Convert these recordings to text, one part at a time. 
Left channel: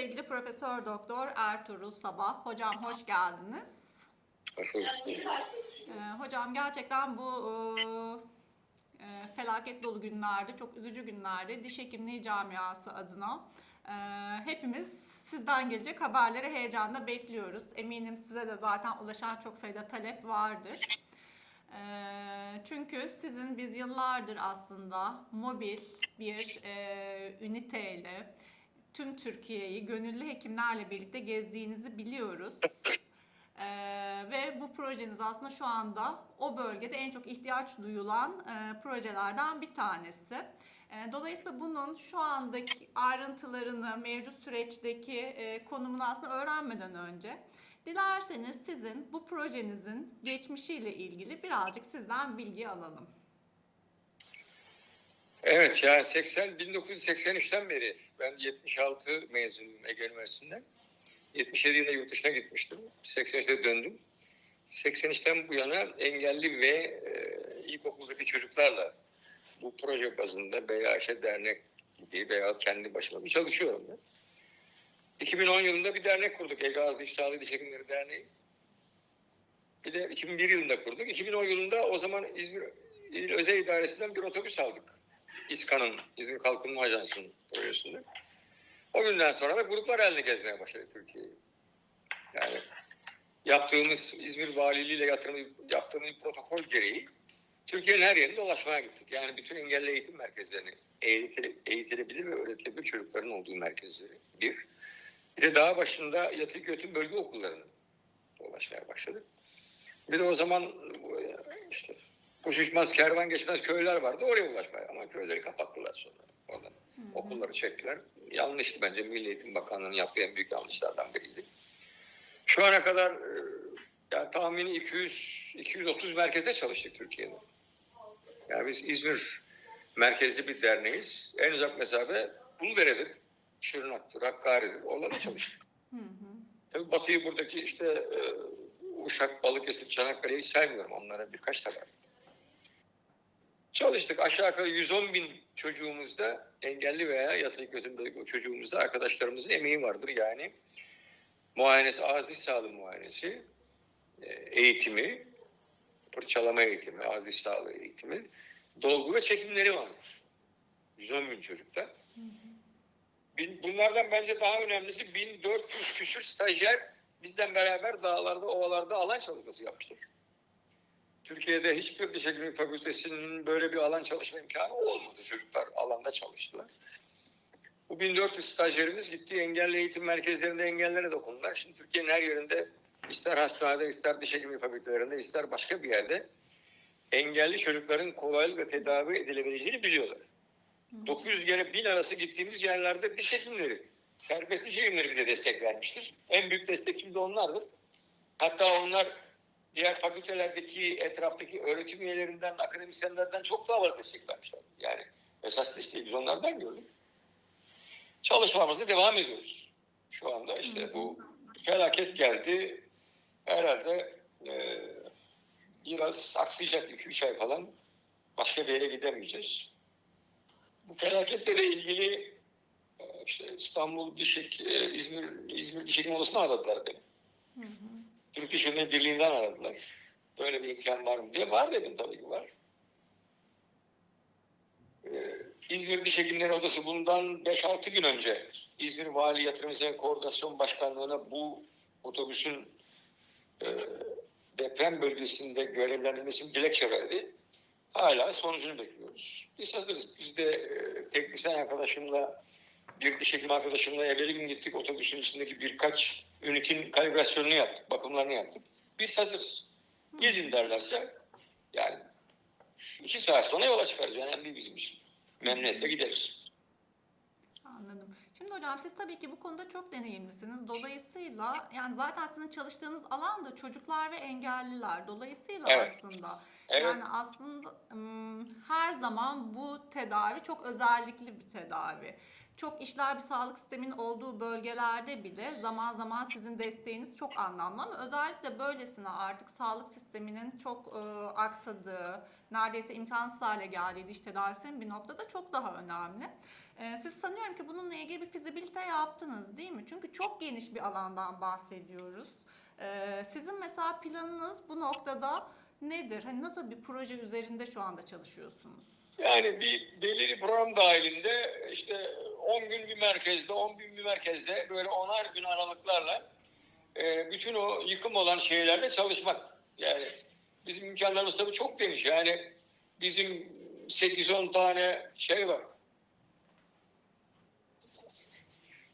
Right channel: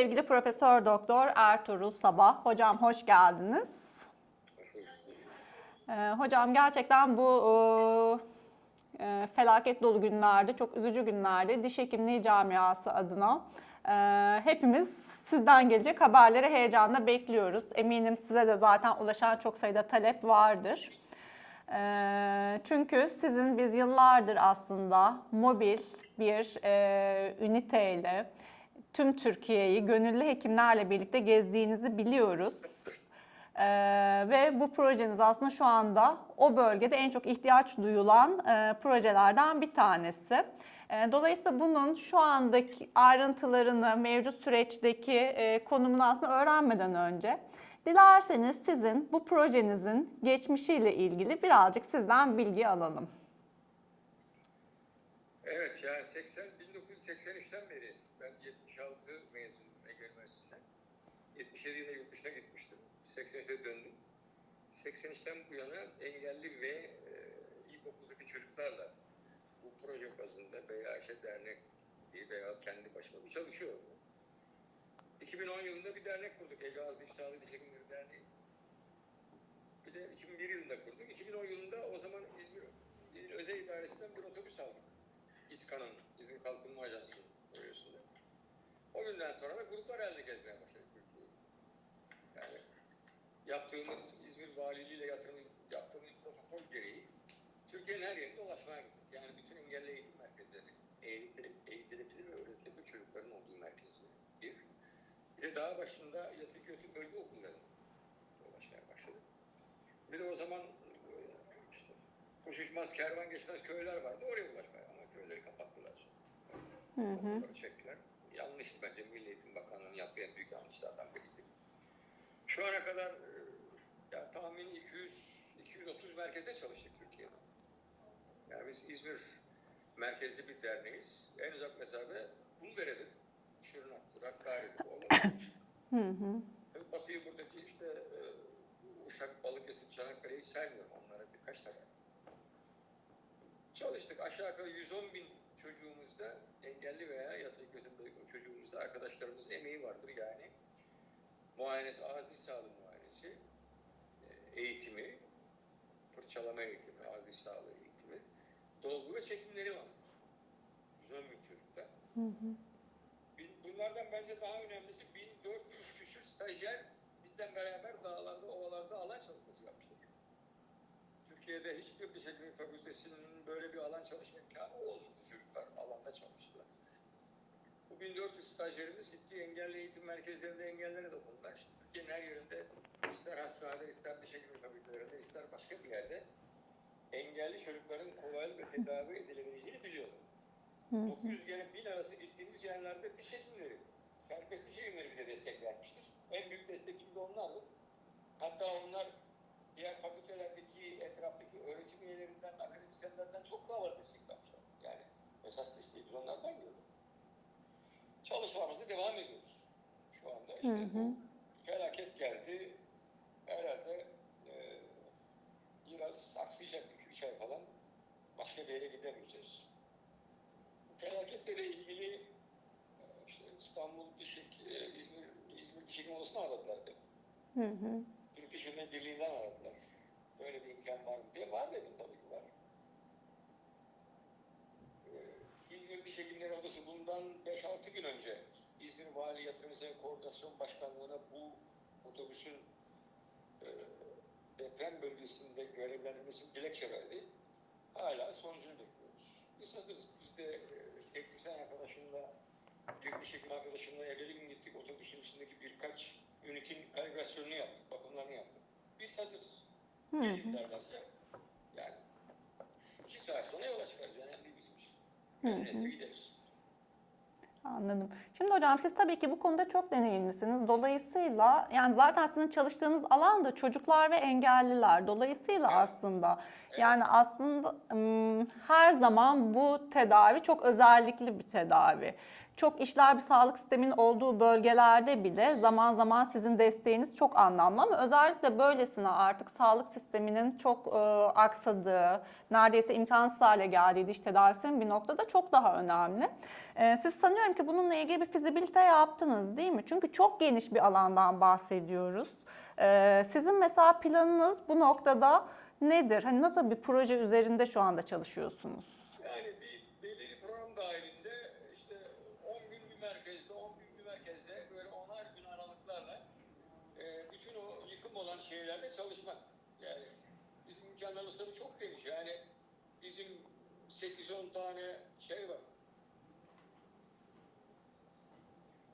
sevgili Profesör Doktor Ertuğrul Sabah. Hocam hoş geldiniz. Hoş bulduk. Ee, hocam gerçekten bu e, e, felaket dolu günlerde, çok üzücü günlerde diş hekimliği camiası adına e, hepimiz sizden gelecek haberleri heyecanla bekliyoruz. Eminim size de zaten ulaşan çok sayıda talep vardır. E, çünkü sizin biz yıllardır aslında mobil bir e, üniteyle tüm Türkiye'yi gönüllü hekimlerle birlikte gezdiğinizi biliyoruz. Ee, ve bu projeniz aslında şu anda o bölgede en çok ihtiyaç duyulan e, projelerden bir tanesi. E, dolayısıyla bunun şu andaki ayrıntılarını, mevcut süreçteki e, konumunu aslında öğrenmeden önce dilerseniz sizin bu projenizin geçmişiyle ilgili birazcık sizden bilgi alalım. Evet yani 80 1983'ten beri ben 76 mezunum Ege Üniversitesi'nden. 77 yılında yurt dışına gitmiştim. 83'te döndüm. 83'ten bu yana engelli ve e, ilkokuldaki çocuklarla bu proje bazında veya işte dernek gibi veya kendi başıma bir çalışıyorum ben. 2010 yılında bir dernek kurduk. Ege Ağız Diş Diş Hekimleri Derneği. Bir de 2001 yılında kurduk. 2010 yılında o zaman İzmir İl Özel İdaresi'nden bir otobüs aldık. İSKA'nın, İzmir Kalkınma Ajansı'nın projesinde. O günden sonra da gruplar halinde gezmeye başladık Türkiye'yi. Yani yaptığımız İzmir Valiliği ile yatırım yaptığımız protokol gereği Türkiye'nin her yerinde dolaşmaya gittik. Yani bütün engelli eğitim merkezlerini eğitile, eğitilebilir ve öğretilebilir çocukların olduğu merkezleri bir. Bir de daha başında yatılı öğretim bölge okullarını dolaşmaya başladık. Bir de o zaman işte koşuşmaz, kervan geçmez köyler vardı. Oraya ulaşmaya ama köyleri kapattılar sonra. Oradan okulları çektiler. Yanlıştı bence. Milli Eğitim Bakanlığı'nın yaptığı en büyük yanlışlardan biriydi. Şu ana kadar e, yani tahmini 200 230 merkezde çalıştık Türkiye'de. Yani biz İzmir merkezli bir derneğiz. En uzak mesafe Uludere'dir. Şırnak'tır, Hakkari'dir. Orada da çalıştık. Hı hı. Tabii Batı'yı buradaki işte e, Uşak, Balıkesir, Çanakkale'yi saymıyorum. Onlara birkaç tane. Çalıştık. Aşağı yukarı 110 bin çocuğumuzda engelli veya yatılı kötü çocuğumuzda arkadaşlarımızın emeği vardır. Yani muayenesi, ağız diş sağlığı muayenesi, e, eğitimi, fırçalama eğitimi, ağız diş sağlığı eğitimi, dolgu ve çekimleri vardır. 110 bin çocukta. Bin- Bunlardan bence daha önemlisi 1400 küsür stajyer bizden beraber dağlarda, ovalarda alan çalışması yapmıştır. Türkiye'de hiçbir diş hekimliği fakültesinin böyle bir alan çalışma imkanı olmadı. Çocuklar alanda çalıştılar. Bu 1400 stajyerimiz gitti engelli eğitim merkezlerinde engellere dokundular. Şimdi Türkiye'nin her yerinde ister hastanede, ister diş hekimliği fakültelerinde, ister başka bir yerde engelli çocukların kolaylıkla tedavi edilebileceğini biliyorlar. 900 kere 1000 arası gittiğimiz yerlerde diş hekimleri, serbest diş hekimleri bize destek vermiştir. En büyük destekçimiz de onlardır. Hatta onlar diğer fakültelerdeki etraftaki öğretim üyelerinden, akademisyenlerden çok daha var destek vermişler. Yani esas desteği biz onlardan gördük. Çalışmamızda devam ediyoruz. Şu anda işte Hı hı. bu felaket geldi. Herhalde e, biraz aksayacak 2-3 ay falan başka bir yere gidemeyeceğiz. Bu felaketle de ilgili e, işte İstanbul Diş Hek- e, İzmir İzmir Diş Hekim Odası'na aradılar beni. Hı hı. Türk Diş Hekimleri Birliği'nden aradılar. Böyle bir imkan var mı diye. Var dedim tabii ki var. Ee, İzmir Diş Hekimleri Odası bundan 5-6 gün önce İzmir Vali Yatırım Hizmet Koordinasyon Başkanlığı'na bu otobüsün e, deprem bölgesinde görevlendirmesini dilekçe verdi. Hala sonucunu bekliyoruz. Biz hazırız. Biz de e, teknisyen arkadaşımla bir diş hekimi arkadaşımla evveli gün gittik. Otobüsün içindeki birkaç ünitin kalibrasyonunu yaptık, bakımlarını yaptık. Biz hazırız. Gidin derlerse yani iki saat sonra yola çıkarız. Önemli değil bizim için. Memnuniyetle gideriz. Anladım. Şimdi hocam siz tabii ki bu konuda çok deneyimlisiniz. Dolayısıyla yani zaten sizin çalıştığınız alan da çocuklar ve engelliler. Dolayısıyla Evet. aslında Evet. yani aslında her zaman bu tedavi çok özellikli bir tedavi. Çok işler bir sağlık sisteminin olduğu bölgelerde bile zaman zaman sizin desteğiniz çok anlamlı ama özellikle böylesine artık sağlık sisteminin çok e, aksadığı, neredeyse imkansız hale geldiği diş tedavisinin bir noktada çok daha önemli. E, siz sanıyorum ki bununla ilgili bir fizibilite yaptınız değil mi? Çünkü çok geniş bir alandan bahsediyoruz. E, sizin mesela planınız bu noktada nedir? Hani nasıl bir proje üzerinde şu anda çalışıyorsunuz? Yani bir belirli program dahilinde işte 10 gün bir merkezde, 10 gün bir merkezde böyle onar gün aralıklarla e, bütün o yıkım olan şeylerde çalışmak. Yani bizim imkanlarımız tabii çok geniş. Yani bizim 8-10 tane şey var.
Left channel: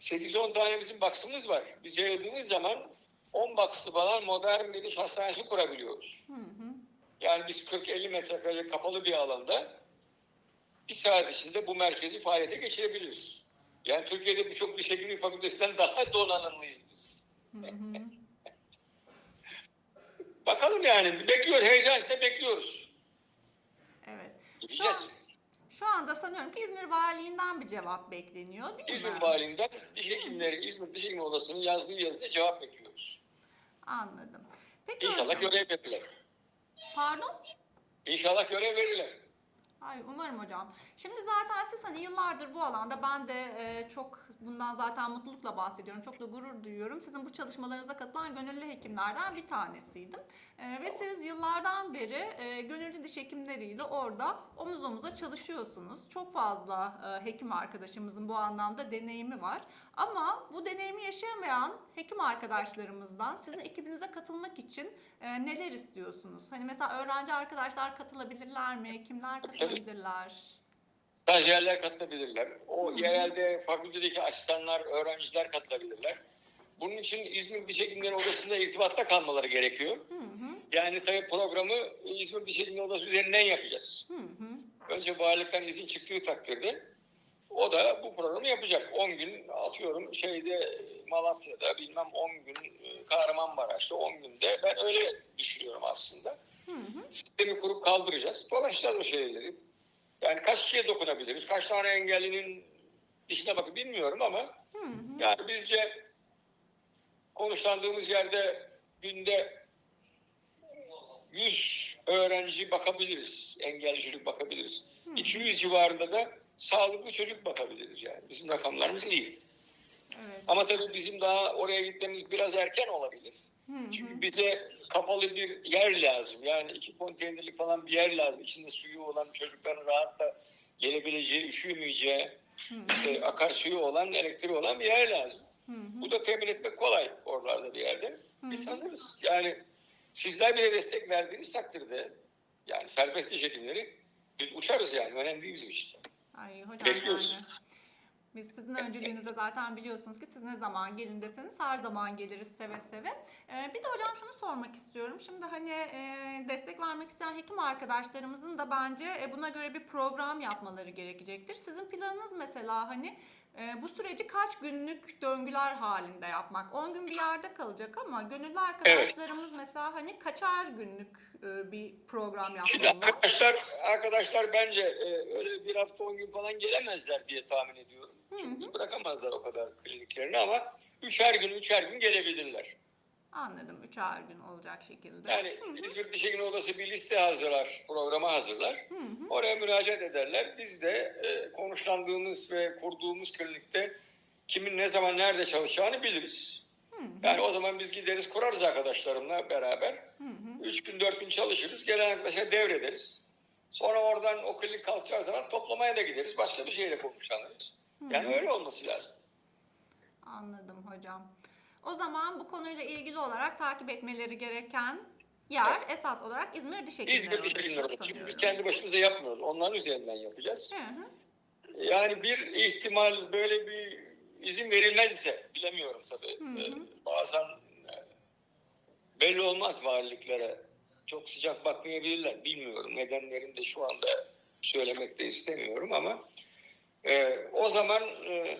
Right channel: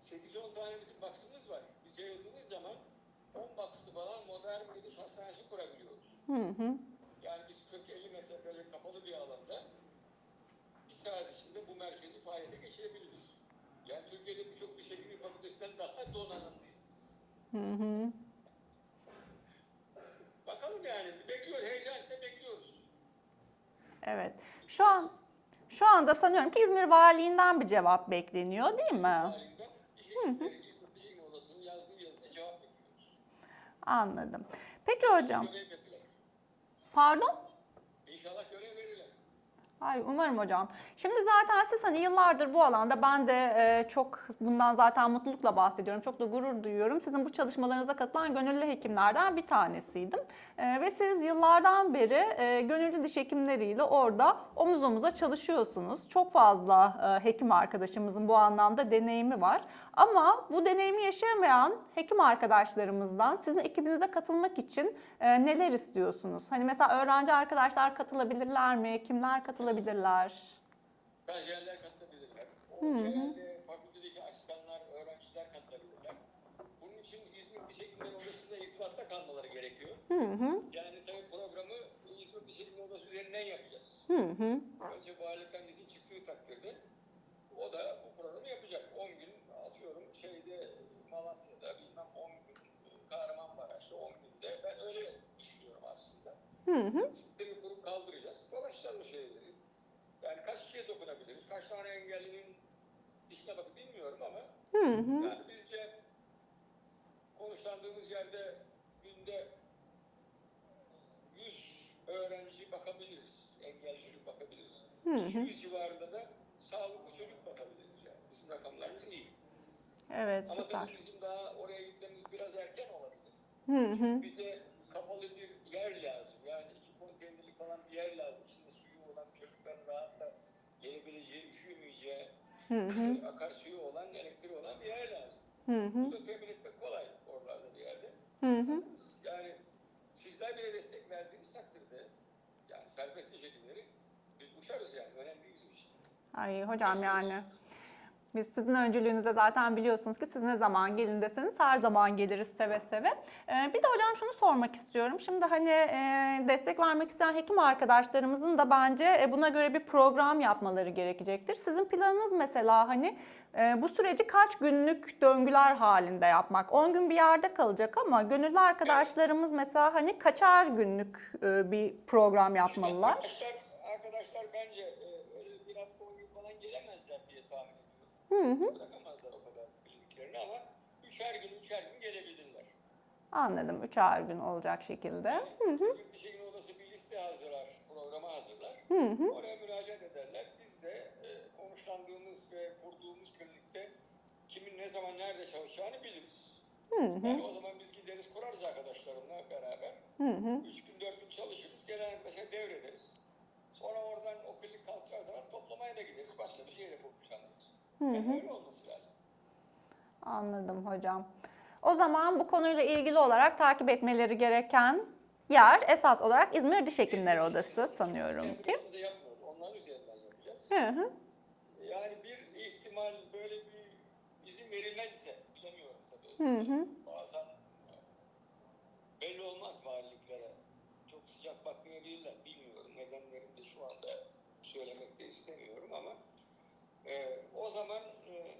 8-10 tane bizim baksımız var. Biz yayıldığımız zaman 10 baksı falan modern bir diş hastanesi kurabiliyoruz. Hı hı. Yani biz 40-50 metrekare kapalı bir alanda bir saat içinde bu merkezi faaliyete geçirebiliriz. Yani Türkiye'de birçok diş hekimliği fakültesinden daha donanımlıyız biz. Hı hı. Bakalım yani bekliyoruz, heyecan içinde bekliyoruz. Evet. Şu, an, şu anda sanıyorum ki İzmir Valiliğinden bir cevap bekleniyor değil İzmir mi? Valiliğinden diş hekimleri, İzmir Diş Hekimliği Odası'nın yazdığı yazıda cevap bekliyoruz. Anladım. Peki İnşallah hocam. görev verirler. Pardon? İnşallah görev verirler. Ay umarım hocam. Şimdi zaten siz hani yıllardır bu alanda ben de e, çok bundan zaten mutlulukla bahsediyorum. Çok da gurur duyuyorum. Sizin bu çalışmalarınıza katılan gönüllü hekimlerden bir tanesiydim. E, ve siz yıllardan beri e, gönüllü diş hekimleriyle orada omuz omuza çalışıyorsunuz. Çok fazla e, hekim arkadaşımızın bu anlamda deneyimi var. Ama bu deneyimi yaşayamayan hekim arkadaşlarımızdan sizin ekibinize katılmak için e, neler istiyorsunuz? Hani mesela öğrenci arkadaşlar katılabilirler mi? Kimler katılabilirler? Stajyerler katılabilirler. O yerelde fakültedeki asistanlar, öğrenciler katılabilirler. Bunun için İzmir Diş Hekimleri Odası'nda irtibatta kalmaları gerekiyor. Hı hı, Yani tabii programı İzmir Diş Hekimleri Odası üzerinden yapacağız. hı hı. Önce valilikten izin çıktığı takdirde o da bu programı yapacak. 10 gün atıyorum şeyde Malatya'da bilmem 10 gün e, Kahramanmaraş'ta 10 günde ben öyle düşünüyorum aslında. Hı hı. Sistemi kurup kaldıracağız. Dolaşacağız o şeyleri. Yani kaç kişiye dokunabiliriz? Kaç tane engellinin dişine bakıp bilmiyorum ama Hı hı. yani bizce konuşlandığımız yerde günde 100 öğrenci bakabiliriz. Engelli çocuk bakabiliriz. Hı hı. 200 civarında da sağlıklı çocuk bakabiliriz yani. Bizim rakamlarımız iyi. Evet. Ama tabii bizim daha oraya gitmemiz biraz erken olabilir. Hı hı. Çünkü bize kapalı bir yer lazım. Yani iki konteynerlik falan bir yer lazım. İçinde suyu olan çocukların rahatla gelebileceği, üşümeyeceği, e, akarsuyu olan, elektriği olan bir yer lazım. Hı hı. Bu da temin etmek kolay oralarda bir yerde. Hazırız. Yani sizler bile destek verdiğiniz takdirde yani serbest diş hekimleri biz uçarız yani. Önemli değil bizim için. Ay hocam Bekliyoruz. yani. Biz sizin öncülüğünüzde zaten biliyorsunuz ki siz ne zaman gelin deseniz her zaman geliriz seve seve. Ee, bir de hocam şunu sormak istiyorum. Şimdi hani e, destek vermek isteyen hekim arkadaşlarımızın da bence e, buna göre bir program yapmaları gerekecektir. Sizin planınız mesela hani e, bu süreci kaç günlük döngüler halinde yapmak? 10 gün bir yerde kalacak ama gönüllü arkadaşlarımız mesela hani kaçar günlük e, bir program yapmalılar? arkadaşlar, arkadaşlar bence e, öyle bir hafta on gün falan gelemezler diye tahmin ediyorum. Çünkü bırakamazlar o kadar kliniklerini ama üçer gün, üçer gün gelebilirler. Anladım. Üçer gün olacak şekilde. Yani Hı hı. İzmir Diş Hekimliği Odası bir liste hazırlar, programı hazırlar. Hı hı. Oraya müracaat ederler. Biz de e, konuşlandığımız ve kurduğumuz klinikte kimin ne zaman nerede çalışacağını biliriz. Hı hı. Yani o zaman biz gideriz kurarız arkadaşlarımla beraber. Hı hı. Üç gün dört gün çalışırız. Gelen arkadaşa devrederiz. Sonra oradan o klinik kalkacağı zaman toplamaya da gideriz. Başka bir şeyle konuşlanırız. Yani öyle olması lazım. Anladım hocam. O zaman bu konuyla ilgili olarak takip etmeleri gereken yer esas olarak İzmir Diş Hekimleri İzmir Diş Odası. Çünkü biz sanıyorum. kendi başımıza yapmıyoruz. Onların üzerinden yapacağız. Hı hı. Yani bir ihtimal böyle bir izin verilmez ise bilemiyorum tabii. Hı hı. Bazen e, belli olmaz valiliklere. Çok sıcak bakmayabilirler. Bilmiyorum. Nedenlerini de şu anda söylemek de istemiyorum ama e, o zaman e,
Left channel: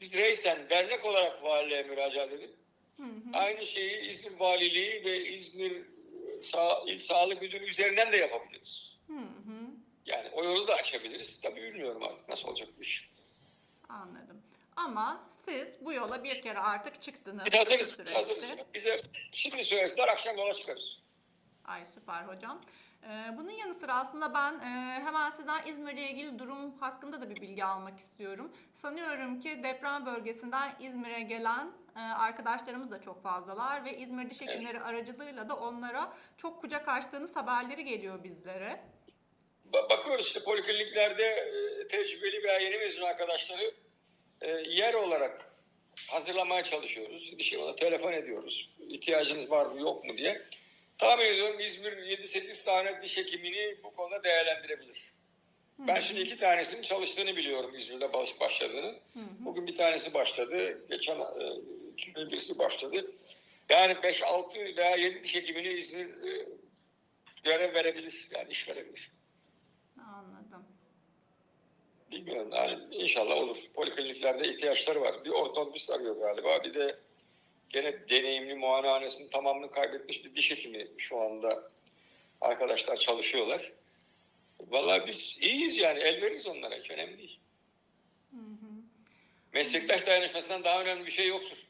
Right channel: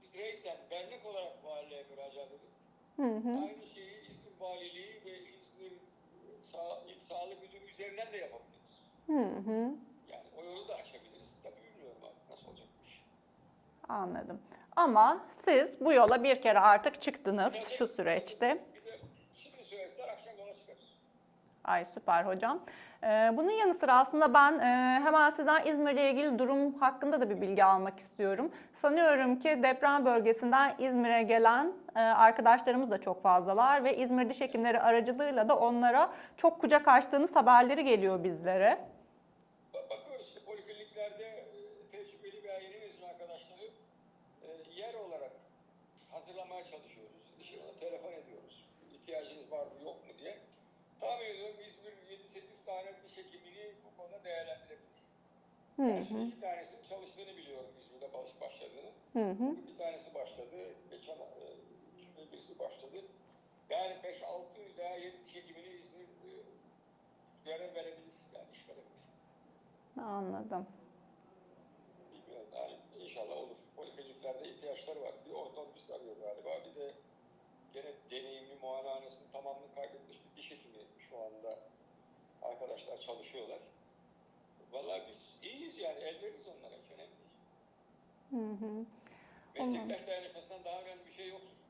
biz reysen dernek olarak valiliğe müracaat edip Hı hı. aynı şeyi İzmir Valiliği ve İzmir e, Sa İl Sağlık Müdürü üzerinden de yapabiliriz. Hı hı. Yani o yolu da açabiliriz. Tabii bilmiyorum artık nasıl olacak bu iş. Anladım. Ama siz bu yola bir kere artık çıktınız Biz şu hazırız. biz süreçte. hazırız. Bize şimdi söyleseler akşam yola çıkarız. Ay süper hocam. Ee, bunun yanı sıra aslında ben e, hemen sizden İzmir'le ilgili durum hakkında da bir bilgi almak istiyorum. Sanıyorum ki deprem bölgesinden İzmir'e gelen e, arkadaşlarımız da çok fazlalar ve İzmir Diş Hekimleri aracılığıyla da onlara çok kucak açtığınız haberleri geliyor bizlere. Ba- Bakıyoruz işte polikliniklerde e, tecrübeli veya yeni mezun arkadaşları yer olarak hazırlamaya çalışıyoruz. Bir şey telefon ediyoruz. İhtiyacınız var mı yok mu diye. Tahmin ediyorum İzmir 7-8 tane diş hekimini bu konuda değerlendirebilir. Ben şimdi iki tanesinin çalıştığını biliyorum İzmir'de baş başladığını. Bugün bir tanesi başladı. Geçen e, birisi başladı. Yani 5-6 veya 7 diş hekimini İzmir e, görev verebilir. Yani iş verebilir. Anladım. Bilmiyorum yani inşallah olur. Polikliniklerde ihtiyaçları var. Bir ortodontist arıyor galiba. Bir de gene deneyimli muayenehanesinin tamamını kaybetmiş bir diş hekimi şu anda arkadaşlar çalışıyorlar. Vallahi biz iyiyiz yani el veririz onlara hiç önemli değil. Meslektaş dayanışmasından daha önemli bir şey yoktur.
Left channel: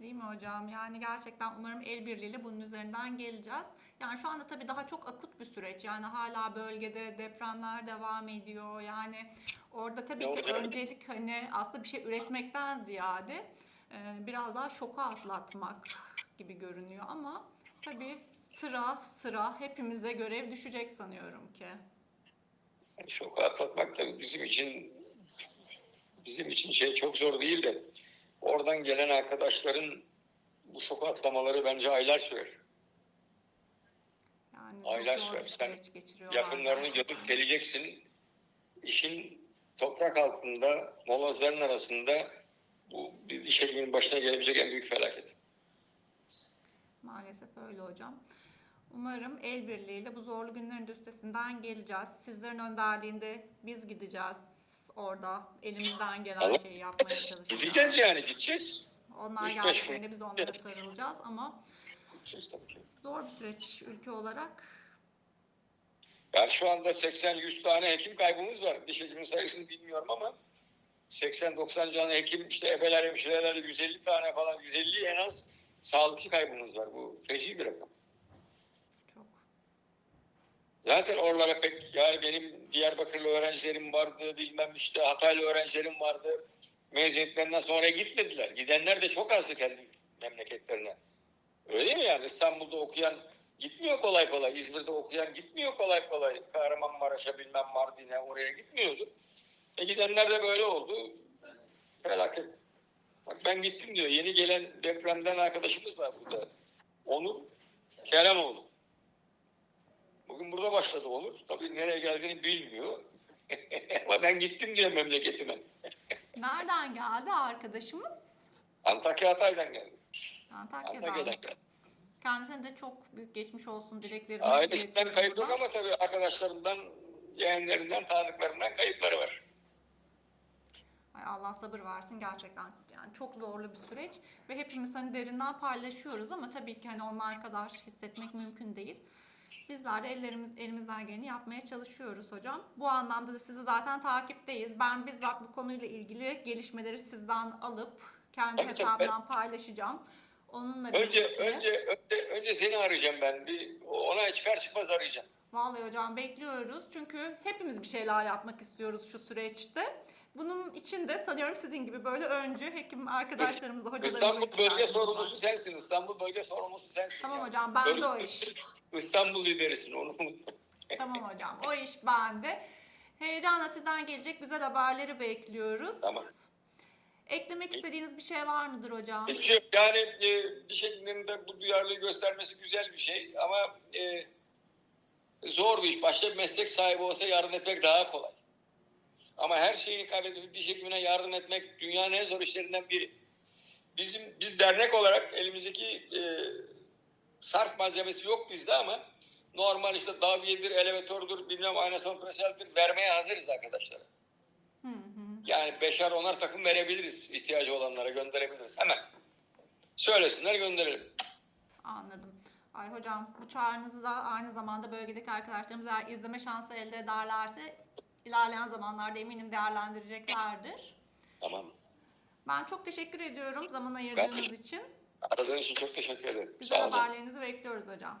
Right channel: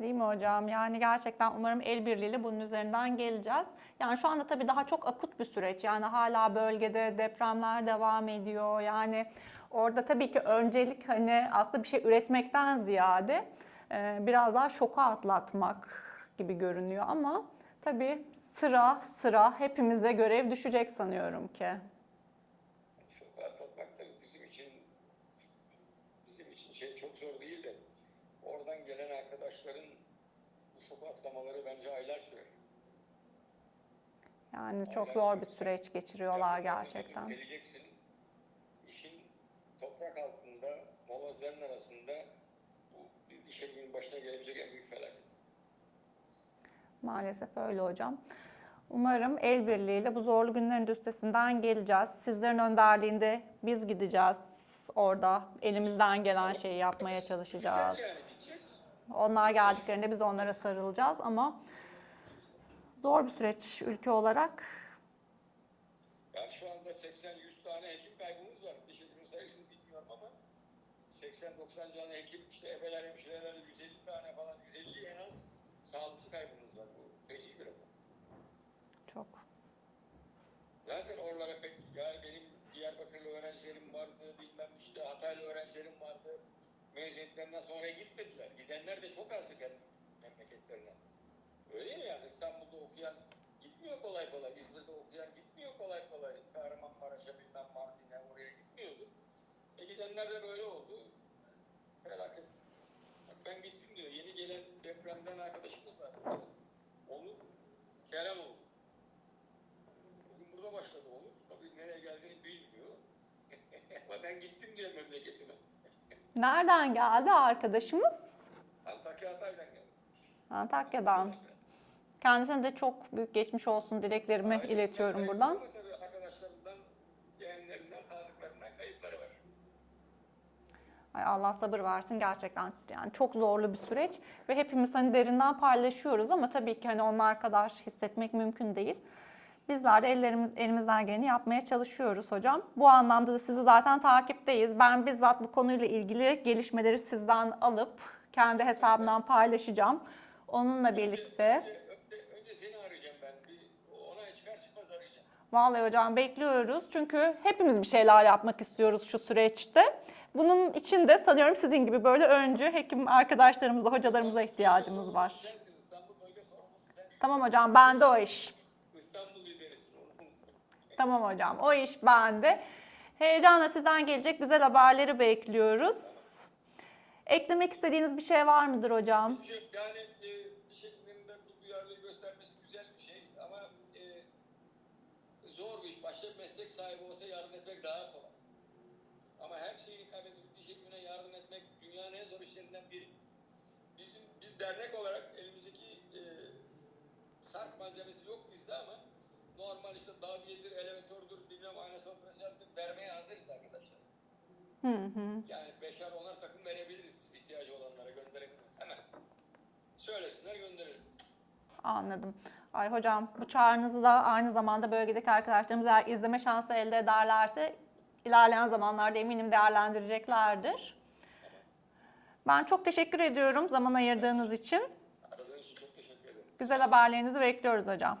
Değil mi hocam? Yani gerçekten umarım el birliğiyle bunun üzerinden geleceğiz. Yani şu anda tabii daha çok akut bir süreç. Yani hala bölgede depremler devam ediyor. Yani orada tabii ki öncelik hani aslında bir şey üretmekten ziyade biraz daha şoku atlatmak gibi görünüyor ama tabii sıra sıra hepimize görev düşecek sanıyorum ki. Şoku atlatmak da bizim için bizim için şey çok zor değil de oradan gelen arkadaşların bu şoku atlamaları bence aylar sürer. Yani çok Aylar zor bir süreç geçiriyorlar Yakınlarını gerçekten. yapıp geleceksin. İşin toprak altında, molozların arasında bu bir diş hekiminin başına gelebilecek en büyük felaket. Maalesef öyle hocam. Umarım el birliğiyle bu zorlu günlerin de üstesinden geleceğiz. Sizlerin önderliğinde biz gideceğiz orada. Elimizden gelen şeyi yapmaya Gideceğiz çalışacağız. yani gideceğiz. Onlar Üç geldiklerinde biz onlara Evet. sarılacağız ama Gideceğiz zor bir süreç ülke olarak. Yani şu anda 80-100 tane hekim kaybımız var. Diş hekiminin sayısını bilmiyorum ama 80-90 tane hekim, işte ebeler, hemşireler 150 tane falan, 150 en az sağlıkçı kaybımız var. Bu feci bir rakam. Çok. Zaten oralara pek yani benim Diyarbakırlı öğrencilerim vardı, bilmem işte Hataylı öğrencilerim vardı. Mezuniyetlerinden sonra gitmediler. Gidenler de çok azdı kendi memleketlerine. Öyle mi yani İstanbul'da okuyan gitmiyor kolay kolay. İzmir'de okuyan gitmiyor kolay kolay. Kahramanmaraş'a bilmem Mardin'e oraya gitmiyordu. E gidenler de böyle oldu. Felaket. Bak ben gittim diyor. Yeni gelen depremden arkadaşımız var burada. Onur Keremoğlu. Bugün burada başladı Onur. Tabii nereye geldiğini bilmiyor. Ama ben gittim diyor memleketime. Nereden geldi arkadaşımız? Antakya Hatay'dan geldi. Antakya'dan. Antakya'dan geldi. Kendisine de çok büyük geçmiş olsun dileklerimi Ailesinden iletiyorum kayıp buradan. ama tabii arkadaşlarından, yeğenlerinden, tanıdıklarından kayıpları var. Ay Allah sabır versin gerçekten yani çok zorlu bir süreç ve hepimiz hani derinden paylaşıyoruz ama tabii ki hani onlar kadar hissetmek mümkün değil. Bizler de ellerimiz, elimizden geleni yapmaya çalışıyoruz hocam. Bu anlamda da sizi zaten takipteyiz. Ben bizzat bu konuyla ilgili gelişmeleri sizden alıp kendi tabii. hesabımdan paylaşacağım. Onunla Önce, birlikte. önce, önce, önce seni arayacağım ben. Bir ona çıkar çıkmaz arayacağım. Vallahi hocam bekliyoruz. Çünkü hepimiz bir şeyler yapmak istiyoruz şu süreçte. Bunun için de sanıyorum sizin gibi böyle önce hekim arkadaşlarımıza, hocalarımıza İstanbul bölge ihtiyacımız var. sorumlusu sensin. İstanbul bölge sorumlusu sensin. Tamam hocam ben de o iş. İstanbul liderisin onu. Tamam hocam o iş bende. Heyecanla sizden gelecek güzel haberleri bekliyoruz. Tamam. Eklemek istediğiniz bir şey var mıdır hocam? Hiç yok. Yani e, bir şekilde bu duyarlılığı göstermesi güzel bir şey ama e, zor bir iş. Başta meslek sahibi olsa yardım etmek daha kolay. Ama her şeyini kaybedip diş hekimine yardım etmek dünyanın en zor işlerinden biri. Bizim biz dernek olarak elimizdeki e, sarf malzemesi yok bizde ama normal işte davyedir, elevatördür, bilmem aynasal preseldir vermeye hazırız arkadaşlar. Hı hı. Yani beşer onar takım verebiliriz. ihtiyacı olanlara gönderebiliriz. Hemen. Söylesinler gönderelim. Anladım. Ay hocam bu çağrınızı da aynı zamanda bölgedeki arkadaşlarımız eğer izleme şansı elde ederlerse ilerleyen zamanlarda eminim değerlendireceklerdir. Tamam. Ben çok teşekkür ediyorum zaman ayırdığınız teşekkür- için. Aradığınız için çok teşekkür ederim. Güzel haberlerinizi bekliyoruz hocam.